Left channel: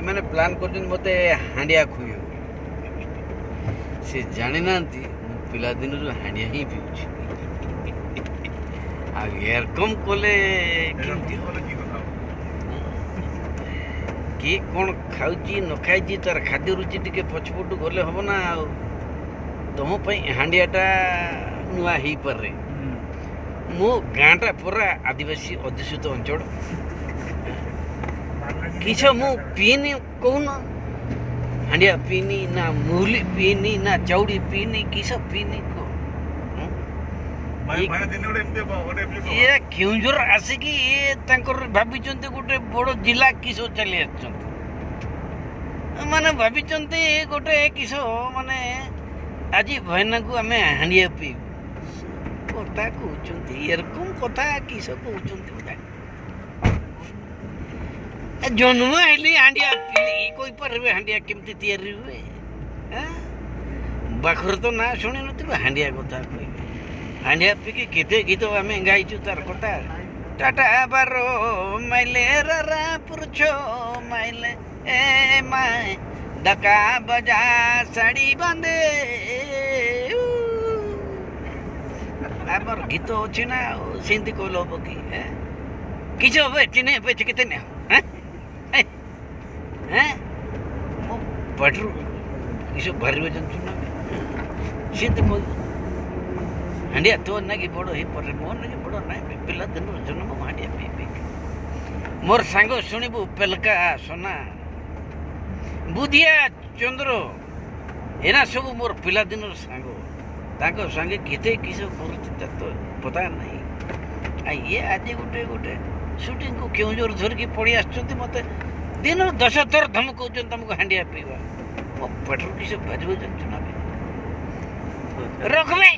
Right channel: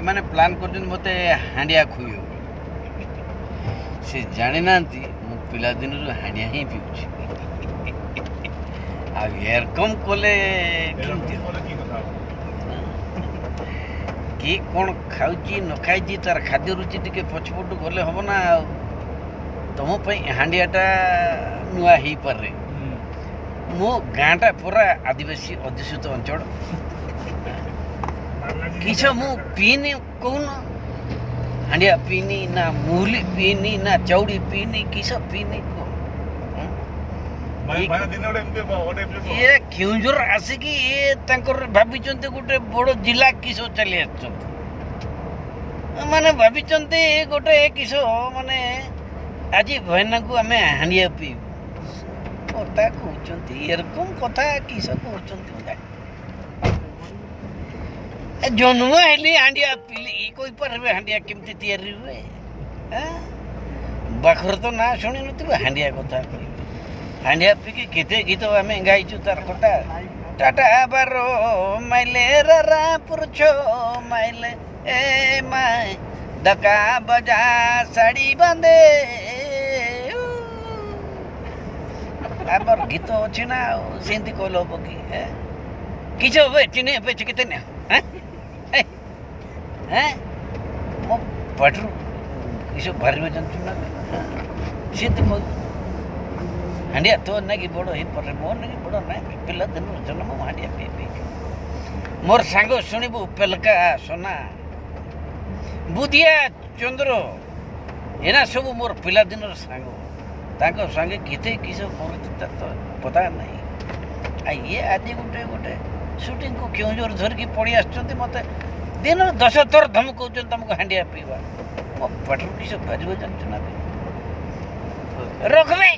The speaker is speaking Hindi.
एमाने प्लान कर मते हांडिया खुई से जानी ना पिला दिन हांडिया ही पीऊँ एरकम कले किए कौन खाऊची न खाई तार खाद्य रुचि टे पछपटू गले हम ना तुम हांडियाटा नुआ हो पारे मो गाँटा पूरा आदिवासी अध्युषित अंचल किस मु पीनी कौन हांडिया पीनी ना मुहली पीनी ना चौड़ी पीनी किस पीनी को ये केउंझर आसिकी ये भाभी गोटे बड़ जिला किस चली माने भाभी गोटे किस माने आज भैना को आम हांडिया पी कथा कहते एरकम कथा किस कहते जन्म हेली हांडिया पीली कोई पारे हांडिया केमती तैयारी हुए बाखर तो ना शुणी नुथे हांडिया कथा कह हांडिया पीकी केते गीत आम गाइचु तार कथा टाटा बारो माइले रा पुरछो माइले ए माय डका बजा साड़ी बांधे आमर गीत अच्छी ना सेमती कहल हम कि किस चिन्ह पे चिकित मो पाटरू किस बाहर जानते ना सेमती मो हांडिया तो ना कि बड़ हो पारे मोर ना बड़ ना पिला दिन जन्म हांडिया पी पी मोर सांग शुणबू पेलका सोना बुधिया चंद्र एना सब मोर पिला दिन सांग ताको संगे केते किस कर तो पता नहीं ये आज गोटे गोटे शूटिंग को क्यों जोर धर की पड़ी आसुँच मत दिन 10 थर धमक तुमको हांडिया पीवा मो पटरू किस बाजू जानते ना रखबे